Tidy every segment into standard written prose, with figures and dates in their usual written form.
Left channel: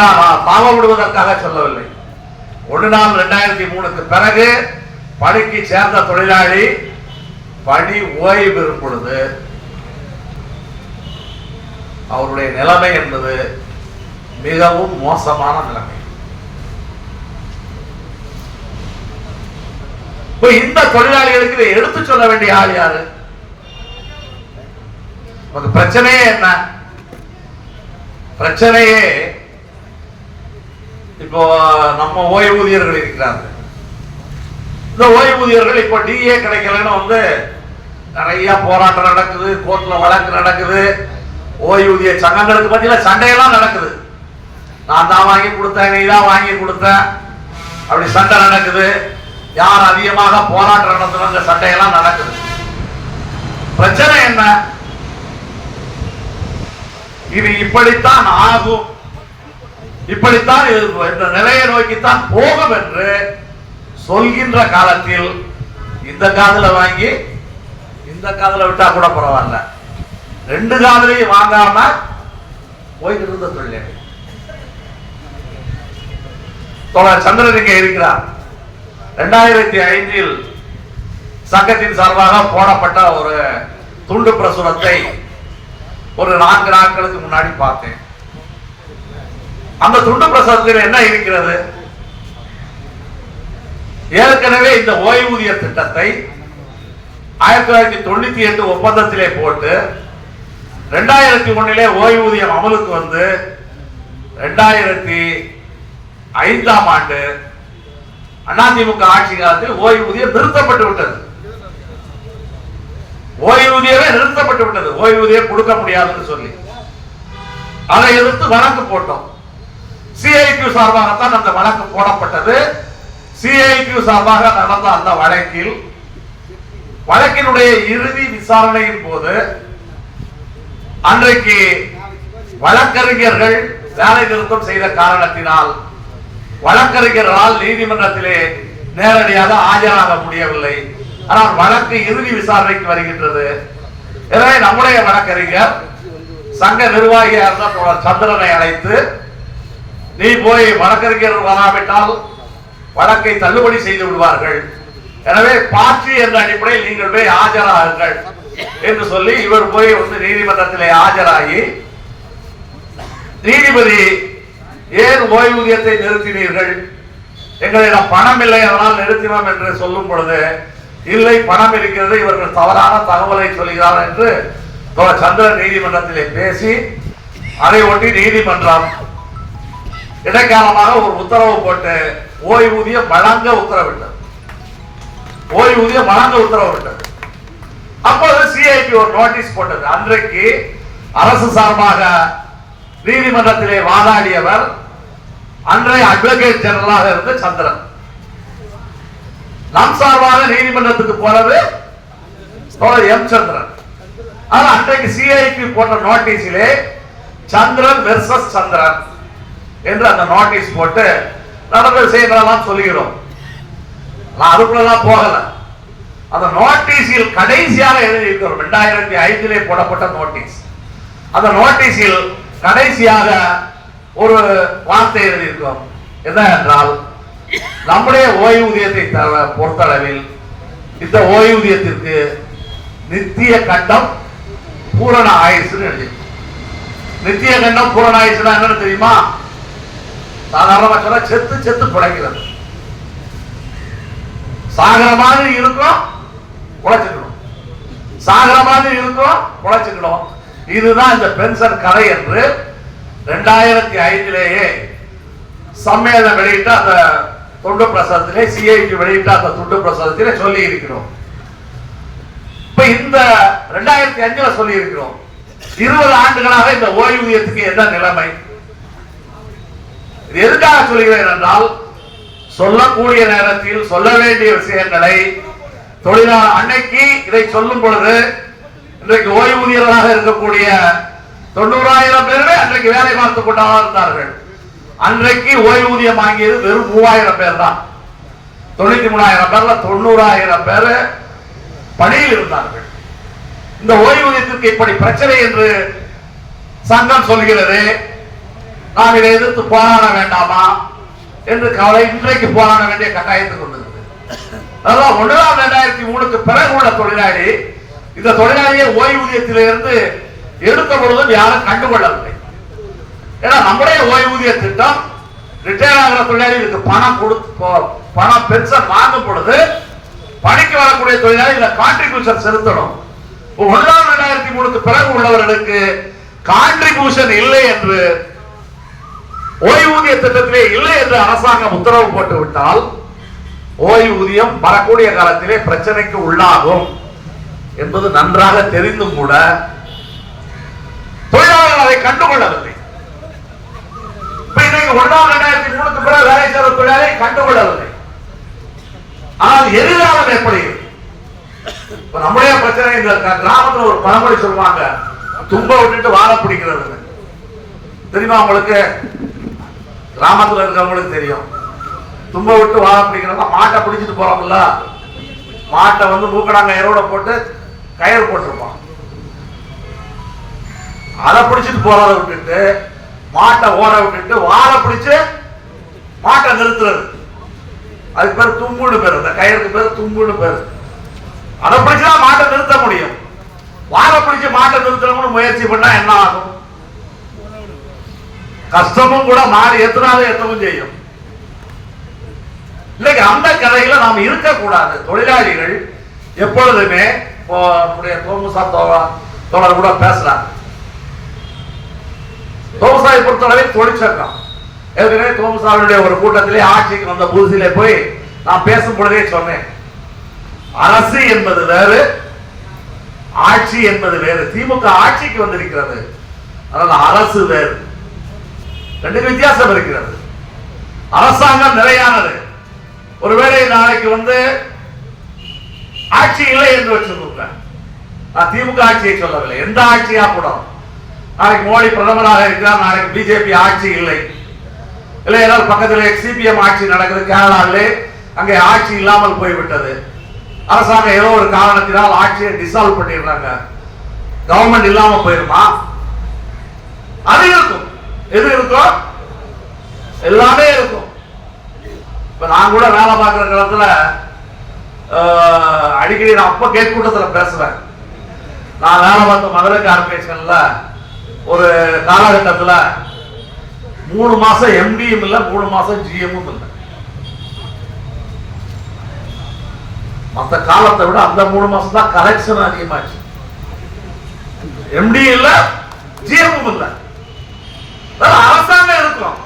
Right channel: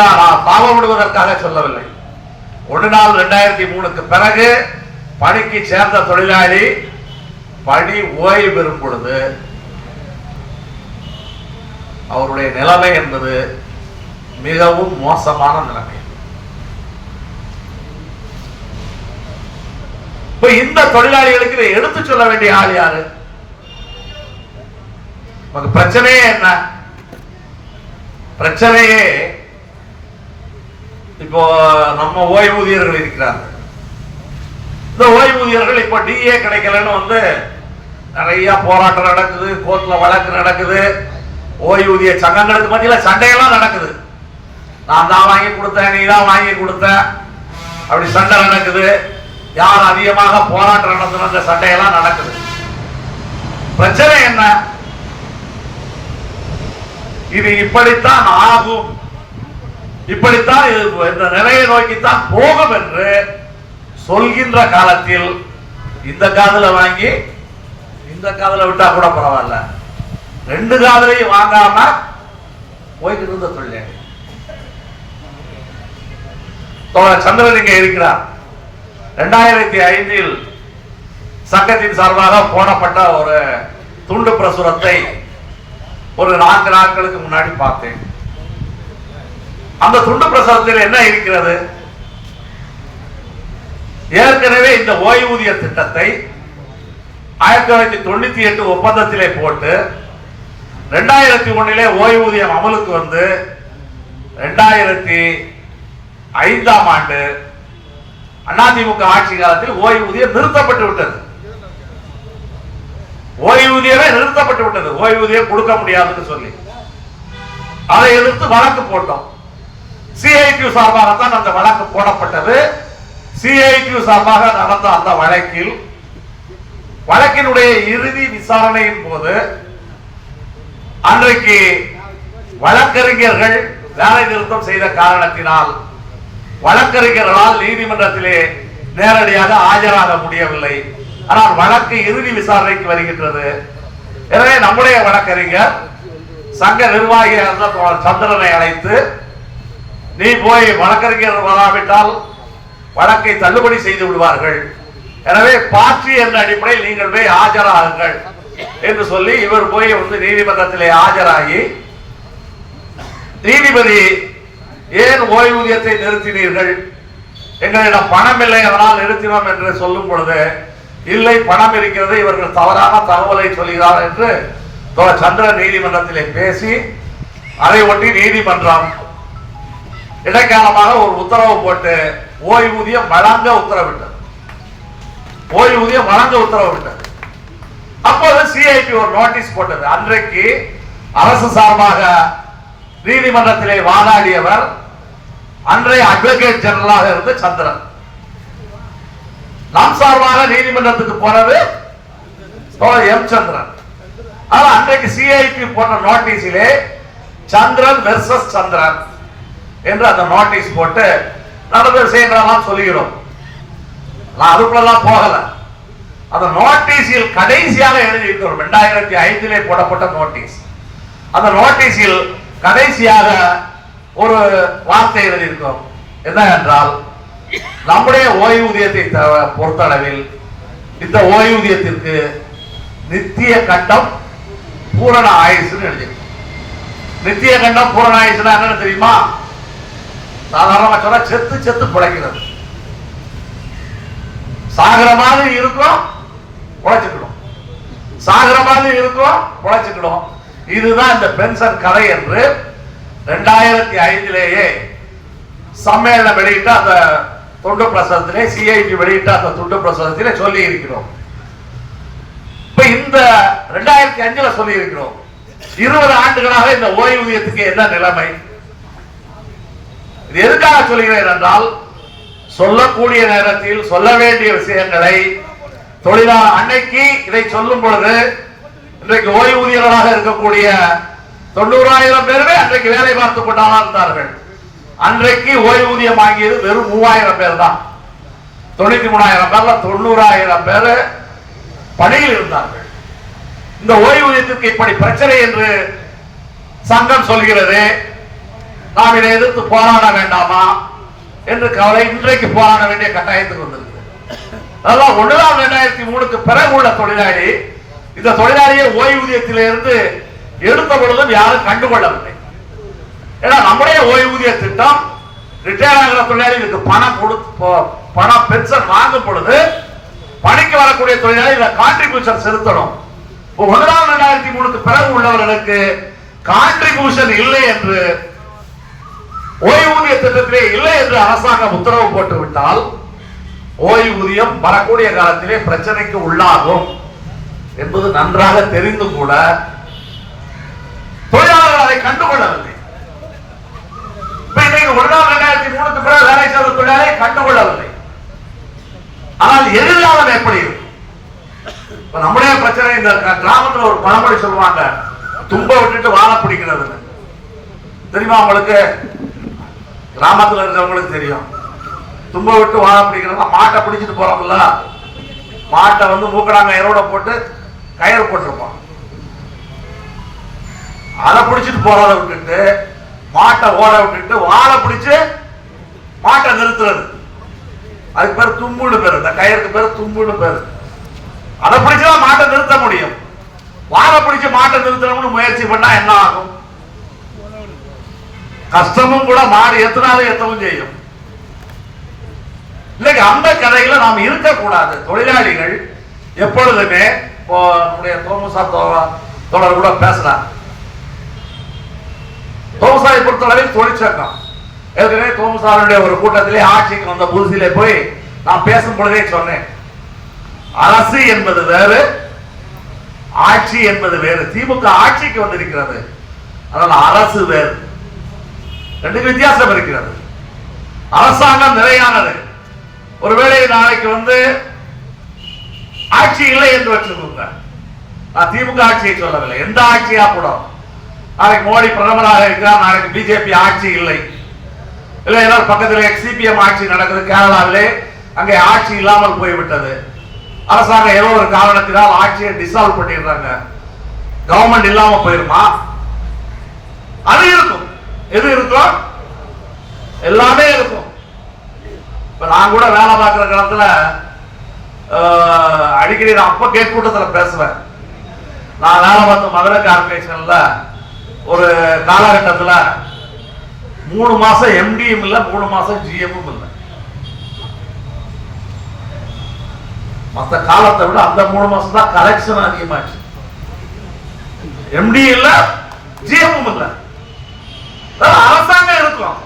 நாள் பாவம் விடுவதற்காக சொல்லவில்லை. 1/4/2003 பிறகு பணிக்கு சேர்ந்த தொழிலாளி பணி ஓய்வு பெறும் பொழுது அவருடைய நிலைமை என்பது மிகவும் மோசமான நிலைமை. இப்ப இந்த தொழிலாளிகளுக்கு இதை எடுத்து சொல்ல வேண்டிய ஆள் யாரு? பிரச்சனையே என்ன? பிரச்சனையே இப்போ நம்ம ஓய்வூதியர்கள் இருக்கிறார்கள். இந்த ஓய்வூதியர்கள் இப்ப டிஏ கிடைக்கலன்னு நிறைய போராட்டம் நடக்குது, கோர்ட்ல வழக்கு நடக்குது, ஓய்வூதிய சங்கங்களுக்கு மத்தியில சண்டையெல்லாம் நடக்குது. நான் தான் வாங்கி கொடுத்தேன், நீ தான் வாங்கி கொடுத்த, அப்படி சண்டை நடக்குது. யார் அதிகமாக போராட்டம் நடத்துறாங்க, சண்டையெல்லாம் நடக்குது. பிரச்சனை என்ன? இது இப்படித்தான் ஆகும், இப்படித்தான் இந்த நிலையை நோக்கித்தான் போகும் என்று சொல்கின்ற காலத்தில் இந்த காதல வாங்கி இந்த காதல விட்டா கூட பரவாயில்ல, 2 காதலையும் வாங்காம போய்கிட்டு இருந்த தொழிலாளி சந்திரன் இங்க இருக்கிறார். 2005 சங்கத்தின் சார்பாக போடப்பட்ட ஒரு துண்டு பிரசுரத்தை ஒரு 4 நாட்களுக்கு முன்னாடி பார்த்தேன். அந்த துண்டு பிரசுரத்தில் என்ன இருக்கிறது? ஏற்கனவே இந்த ஓய்வூதிய திட்டத்தை 1998 ஒப்பந்தத்திலே போட்டு 2001 ஓய்வூதியம் அமலுக்கு வந்து 2005ஆம் ஆண்டு அதிமுக ஆட்சி காலத்தில் ஓய்வூதியம் நிறுத்தப்பட்டு விட்டது. ஓய்வூதியமே நிறுத்தப்பட்டு விட்டது. ஓய்வூதியம் கொடுக்க முடியாதுன்னு சொல்லி அதை எதிர்த்து வழக்கு போட்டோம். சிஐடியு சார்பாகத்தான் அந்த வழக்கு போடப்பட்டது. சிஐடியு சார்பாக நடந்த அந்த வழக்கினுடைய இறுதி விசாரணையின் போது அன்றைக்கு வழக்கறிஞர்கள் வேலை நிறுத்தம் செய்த காரணத்தினால் வழக்கறிஞர்களால் நீதிமன்றத்திலே நேரடியாக ஆஜராக முடியவில்லை. ஆனால் வழக்கு இறுதி விசாரணைக்கு வருகின்றது. எனவே நம்முடைய வழக்கறிஞர் சங்க நிர்வாகியாக இருந்த சந்திரனை அழைத்து, நீ போய் வழக்கறிஞர் வராவிட்டால் வழக்கை தள்ளுபடி செய்து விடுவார்கள், எனவே பாட்சி என்ற அடிப்படையில் நீங்கள் போய் ஆஜராகுங்கள் என்று சொல்லி இவர் போய் நீதிமன்றத்திலே ஆஜராகி, நீதிபதி ஏன் ஓய்வூதியத்தை நிறுத்தினீர்கள், எங்களிடம் பணம் இல்லை அதனால் நிறுத்தினோம் என்று சொல்லும் பொழுது, இல்லை பணம் இருக்கிறது, இவர்கள் தவறான தகவலை சொல்கிறார் என்று சந்திரன் நீதிமன்றத்திலே பேசி அதை ஒட்டி நீதிமன்றம் இடைக்காலமாக ஒரு உத்தரவு போட்டு ஓய்வூதியம் வழங்க உத்தரவிட்டது. ஓய்வூதியம் வழங்க உத்தரவிட்டது. அப்போது சிஐடி ஒரு நோட்டீஸ் போட்டது. அன்றைக்கு அரசு சார்பாக நீதிமன்றத்திலே வாதாடியவர் அன்றைய அட்வொகேட் ஜெனரலாக இருந்த சந்திரன். நம் சார்பாக நீதிமன்றத்துக்கு போனது எம் சந்திரன். அன்றைக்கு சிஐடி போட்ட நோட்டீஸிலே சந்திரன் வெர்சஸ் சந்திரன் என்று அந்த நோட்டீஸ் போட்டு நடந்த விஷயங்களெல்லாம் சொல்லுகிறோம். நான் அதுக்குள்ளெல்லாம் போகல. அந்த நோட்டீஸில் கடைசியாக எழுதி இருக்கிறோம். 2005 போடப்பட்ட நோட்டீஸ். அந்த நோட்டீஸில் கடைசியாக ஒரு வார்த்தை எழுதியிருக்கோம். என்ன என்றால், நம்முடைய ஓய்வூதியத்தை பொறுத்தளவில் இந்த ஓய்வூதியத்திற்கு நித்திய கண்டம் பூரண ஆயுசு எழுதி. நித்திய கண்டம் பூரண ஆயுசுனா என்னன்னு தெரியுமா? சாதாரணமா சொன்னா செத்து செத்து பிழைக்கிறது. சாகர மாதிரி இருக்கும், உழைச்சுக்கணும். சாகர மாதிரி இருக்கும், உழைச்சுக்கணும். இதுதான் இந்த பென்ஷன் கதை என்று 2005 சம்மேளனம் வெளியிட்ட அந்த துண்டு பிரசுரத்திலே, சிஐடி வெளியிட்ட அந்த துண்டு பிரசுரத்திலே சொல்லி இருக்கிறோம். இப்ப இந்த 2005 சொல்லி இருக்கிறோம். 20 ஆண்டுகளாக இந்த ஓய்வூதியத்துக்கு என்ன நிலைமை? எதுக்காக சொல்கிறேன் என்றால், சொல்லக்கூடிய நேரத்தில் சொல்ல வேண்டிய விஷயங்களை தொழிலாளர் அன்னைக்கு இதை சொல்லும் பொழுது, இன்றைக்கு ஓய்வூதியர்களாக இருக்கக்கூடிய 90,000 பேருமே அன்றைக்கு வேலை பார்த்து கொண்டாதான் இருந்தார்கள். அன்றைக்கு ஓய்வூதியம் வாங்கியது வெறும் 3,000 பேர் தான். 93,000 பேர்ல 90,000 பேர் பணியில் இருந்தார்கள். இந்த ஓய்வூதியத்திற்கு இப்படி பிரச்சனை என்று சங்கம் சொல்கிறது. நாம் இதை எதிர்த்து போராட வேண்டாமா என்று கவலை இன்றைக்கு போராட வேண்டிய கட்டாயத்துக்கு வந்திருக்கு. அதான் 1/2003 பிறகு உள்ள தொழிலாளி இந்த தொழிலாளியை ஓய்வூதியத்திலிருந்து எடுத்த பொழுதும் யாரும் கண்டுகொள்ளவில்லை. ஏன்னா நம்முடைய ஓய்வூதிய திட்டம் ரிட்டையர் ஆகிற தொழிலாளிகளுக்கு பணம் பென்ஷன் வாங்கும் பொழுது பணிக்கு வரக்கூடிய தொழிலாளி இதுல கான்ட்ரிபியூஷன் செலுத்தணும். 1/2003 பிறகு உள்ளவர்களுக்கு கான்ட்ரிபியூஷன் இல்லை என்று ஓய்வூதிய திட்டத்திலே இல்லை என்று அரசாங்கம் உத்தரவு போட்டு விட்டால் ஓய்வூதியம் வரக்கூடிய காலத்திலே பிரச்சனைக்கு உள்ளாகும் என்பது நன்றாக தெரிந்தும் கூட தொழிலாளர்கள் அதை கண்டுகொள்ளவில்லை. 1/2003 பிறகு வேலை செய்த தொழிலாளரை கண்டுகொள்ளவில்லை. ஆனால் எதிர்காலம் எப்படி நம்முடைய பிரச்சனை? இந்த கிராமத்தில் ஒரு பழமொழி சொல்லுவாங்க, தும்ப விட்டுட்டு வாழ பிடிக்கிறது. தெரியுமா உங்களுக்கு? கிராமத்தில் இருக்கிறவங்களுக்கு தெரியும். தும்ப விட்டு வாழ பிடிக்கிறது. மாட்டை பிடிச்சிட்டு போறோம்ல, மாட்டை மூக்கடாங்க எரோட போட்டு கயிறு போட்டிருப்போம். அதை பிடிச்சிட்டு போறதை விட்டுட்டு மாட்டை ஓட விட்டுட்டு வாழை பிடிச்சு மாட்டை நிறுத்துறது, அதுக்கு பேர் தும்புன்னு பேரு. அந்த கயிறுக்கு பேர் தும்புன்னு பேரு. அதை பிடிச்சுதான் மாட்டை நிறுத்த முடியும். வாழை பிடிச்சு மாட்டை நிறுத்தணும்னு முயற்சி பண்ணா என்ன ஆகும்? கஷ்டமும் கூட மாறி எத்தனாலும் எத்தவும் செய்யும். இல்லைங்க, அந்த கதைகளை நாம் இருக்கக்கூடாது. தொழிலாளிகள் எப்பொழுதுமே நம்முடைய தோமுசா தோழர் கூட பேசுறாங்க. தோமுசாவை பொறுத்தளவில் தொழிற்சங்கம் ஏற்கனவே தோமுசாவுடைய ஒரு கூட்டத்திலே ஆட்சிக்கு வந்த புதுசிலே போய் நான் பேசும் பொழுதே சொன்னேன், அரசு என்பது வேறு, ஆட்சி என்பது வேறு. திமுக ஆட்சிக்கு வந்திருக்கிறது, அதனால அரசு வேறு. ரெண்டு வித்தியாசம் இருக்கிறது. அரசாங்கம் நிலையானது. ஒருவேளை நாளைக்கு ஆட்சி இல்லை என்று வச்சிருக்க, நான் திமுக ஆட்சியை சொல்லவில்லை, எந்த ஆட்சியா கூட. நாளைக்கு மோடி பிரதமராக இருக்கிறார், நாளைக்கு பிஜேபி ஆட்சி இல்லை, இல்லை ஏதாவது பக்கத்தில் சிபிஎம் ஆட்சி நடக்குது கேரளாவிலே, அங்கே ஆட்சி இல்லாமல் போய்விட்டது. அரசாங்கம் ஏதோ ஒரு காரணத்தினால் ஆட்சியை டிசால்வ் பண்ணிடுறாங்க, கவர்மெண்ட் இல்லாம போயிருமா? அது இருக்கும். எது இருக்கும்? எல்லாமே இருக்கும். இப்ப நான் கூட வேலை பார்க்கிற காலத்துல அடிக்கடி நான் அப்ப கேட் கூட்டத்தில் பேசுவேன். நான் வேலை பார்த்த மதுரை கார்பரேஷன்ல ஒரு காலகட்டத்தில் 3 மாசம் எம்டியும் இல்ல, 3 மாசம் ஜிஎம்மும் இல்லை. மற்ற காலத்தை விட அந்த 3 மாசம் தான் கலெக்ஷன் அதிகமாச்சு. எம்டி இல்ல, ஜிஎம்மும் இல்ல, அரசாங்கம் இருக்கும்.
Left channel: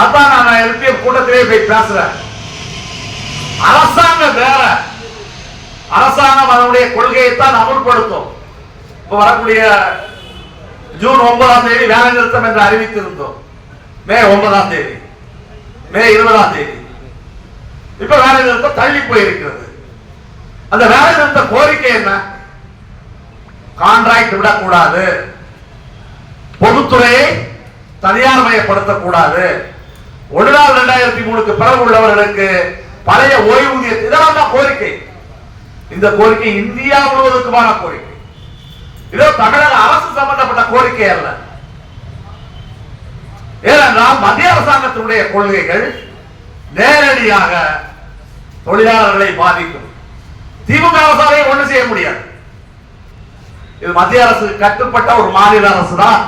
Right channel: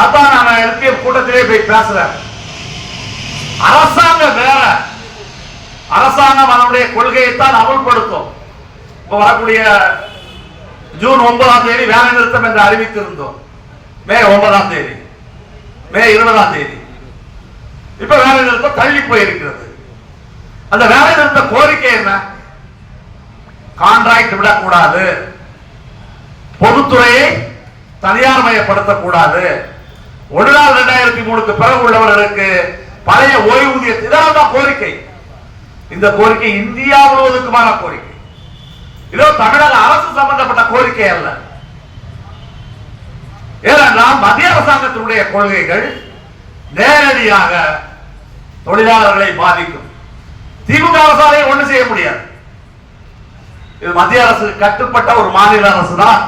அதான் நான் எழுப்பிய கூட்டத்திலே போய் பேசுறேன். அரசாங்கம் வேற, அரசாங்கம் அதனுடைய கொள்கையை தான் அமல்படுத்தும். இப்ப வரக்கூடிய ஜூன் 9ஆம் தேதி வேலை நிறுத்தம் என்று அறிவித்திருந்தோம். மே 9ஆம் தேதி, மே 20ஆம் தேதி இப்ப வேலை நிறுத்தம் தள்ளி போயிருக்கிறது. அந்த வேலை நிறுத்த கோரிக்கை என்ன? கான்ட்ராக்ட் விடக்கூடாது, பொதுத்துறையை தனியார் மயப்படுத்தக்கூடாது, 1/2003 பிறகு உள்ளவர்களுக்கு பழைய ஓய்வூதிய, இதெல்லாம் கோரிக்கை. இந்த கோரிக்கை இந்தியா முழுவதுக்குமான கோரிக்கை. இதோ தமிழக அரசு சம்பந்தப்பட்ட கோரிக்கை அல்ல. ஏனென்றால் மத்திய அரசாங்கத்தினுடைய கொள்கைகள் நேரடியாக தொழிலாளர்களை பாதிக்கும். திமுக அரசாலே ஒண்ணு செய்ய முடியாது. இது மத்திய அரசு கட்டுப்பட்ட ஒரு மாநில அரசு தான்.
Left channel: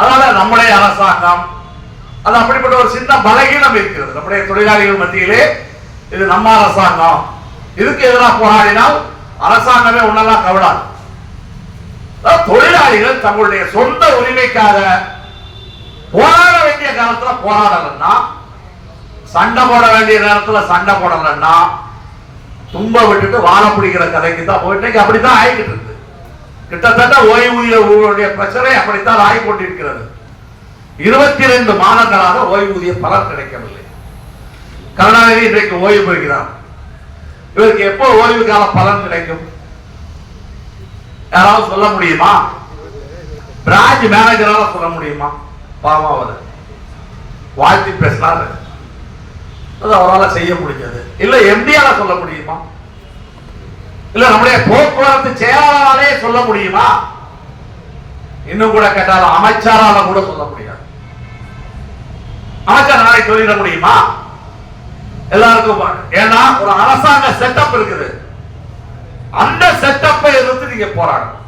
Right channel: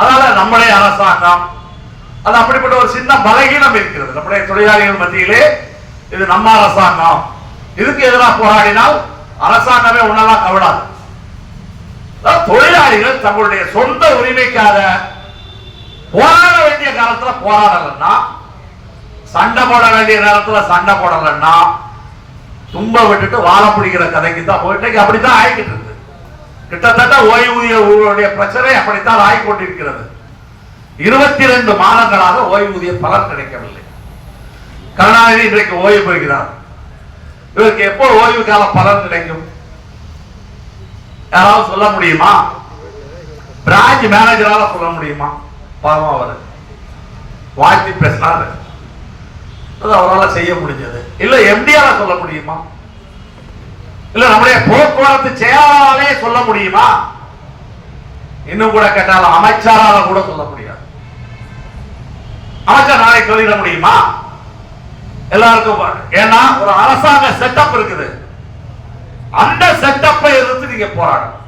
அதனால நம்முடைய அரசாங்கம் அது அப்படிப்பட்ட ஒரு சின்ன பலகீனம் இருக்கிறது நம்முடைய தொழிலாளிகள் மத்தியிலே. இது நம்ம அரசாங்கம், இதுக்கு எதிராக போராடினால் அரசாங்கமே உன்னெல்லாம் கவடாது. தொழிலாளிகள் தங்களுடைய சொந்த உரிமைக்காக போராட வேண்டிய காலத்துல போராடலன்னா, சண்டை போட வேண்டிய நேரத்துல சண்டை போடலன்னா, தும்ப விட்டுட்டு வாழ பிடிக்கிற கதைக்கு தான் போயிட்டு அப்படித்தான் ஆயிக்கிட்டு இருக்கு. கிட்டத்தட்ட ஓய்வூதிய பிரச்சனை அப்படித்தான் ஆகி கொண்டிருக்கிறது. 22 மாதங்களாக ஓய்வூதிய பலன் கிடைக்கவில்லை. கருணாநிதி இன்றைக்கு ஓய்வு பெறுகிறார். இவருக்கு எப்போ ஓய்வு கால பலன் கிடைக்கும்? யாராவது சொல்ல முடியுமா? பிரான்ச் மேனேஜரால சொல்ல முடியுமா? பாவம், அவர் வாழ்த்தி பேசினாரு, அவரால் செய்ய முடிஞ்சது. இல்ல எம்டியால சொல்ல முடியுமா? இல்ல நம்முடைய போக்குவரத்து செயலாளராலே சொல்ல முடியுமா? இன்னும் கூட கேட்டாலும் அமைச்சரால கூட சொல்ல முடியாது. அமைச்சர் நாளைக்கு சொல்லிட முடியுமா? எல்லாருக்கும் ஏன்னா ஒரு அரசாங்க செட்டப் இருக்குது. அந்த செட்டப்பை எதிர்த்து நீங்க போராடணும்.